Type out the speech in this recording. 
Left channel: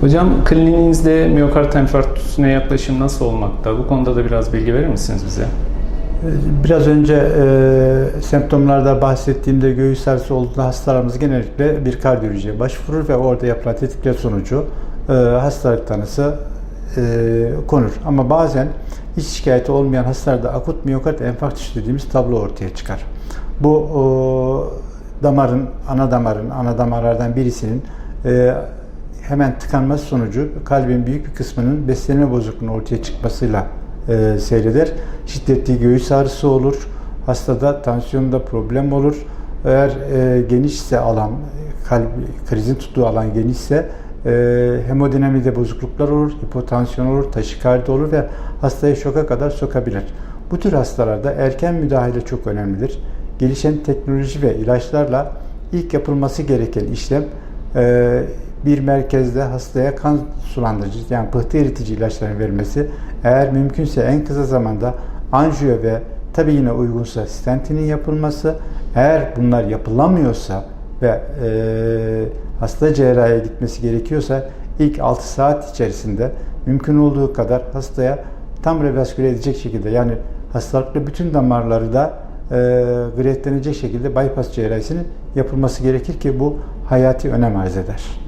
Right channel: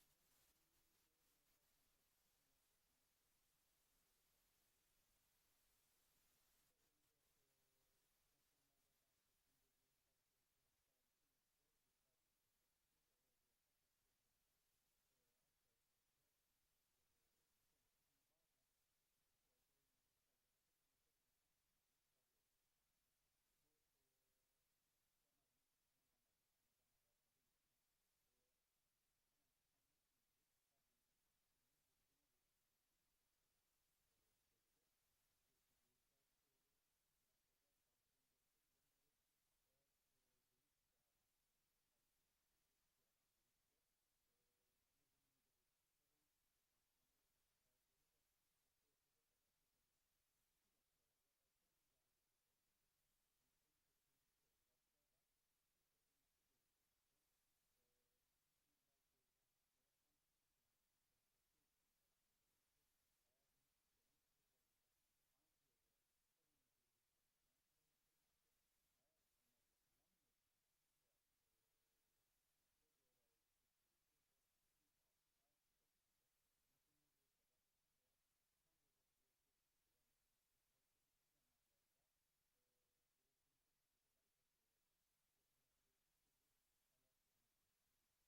Hocam kliniğinizde miyokard enfarktüsüne yaklaşım nasıl olmakta? Bu konuda da biraz bilgi verir misiniz bize? Biraz önce e, semptomlarda bahsettiğimde göğüs ağrısı olduğunda hastalarımız genellikle bir kardiyolojiye başvurur ve orada yapılan tetkikler sonucu e, hastalık tanısı e, konur. Ama bazen hiç şikayeti olmayan hastalarda akut miyokard enfarktüsü dediğimiz tablo ortaya çıkar. Bu o, damarın, ana damarın, ana damarlardan birisinin e, hemen tıkanması sonucu kalbin büyük bir kısmının beslenme bozukluğunun ortaya çıkmasıyla e, seyreder. Şiddetli göğüs ağrısı olur. Hastada tansiyonda problem olur. Eğer e, genişse alan, kalp krizin tuttuğu alan genişse e, hemodinamide bozukluklar olur, hipotansiyon olur, taşikardi olur ve hastayı şoka kadar sokabilir. Bu tür hastalarda erken müdahale çok önemlidir. Gelişen teknoloji ve ilaçlarla ilk yapılması gereken işlem e, bir merkezde hastaya kan sulandırıcı yani pıhtı eritici ilaçların verilmesi eğer mümkünse en kısa zamanda anjiyo ve tabi yine uygunsa stentinin yapılması eğer bunlar yapılamıyorsa ve e, hasta cerrahiye gitmesi gerekiyorsa ilk 6 saat içerisinde mümkün olduğu kadar hastaya tam revasküle edecek şekilde yani hastalıklı bütün damarları da e, gretlenecek şekilde bypass cerrahisinin yapılması gerekir ki bu hayati önem arz eder.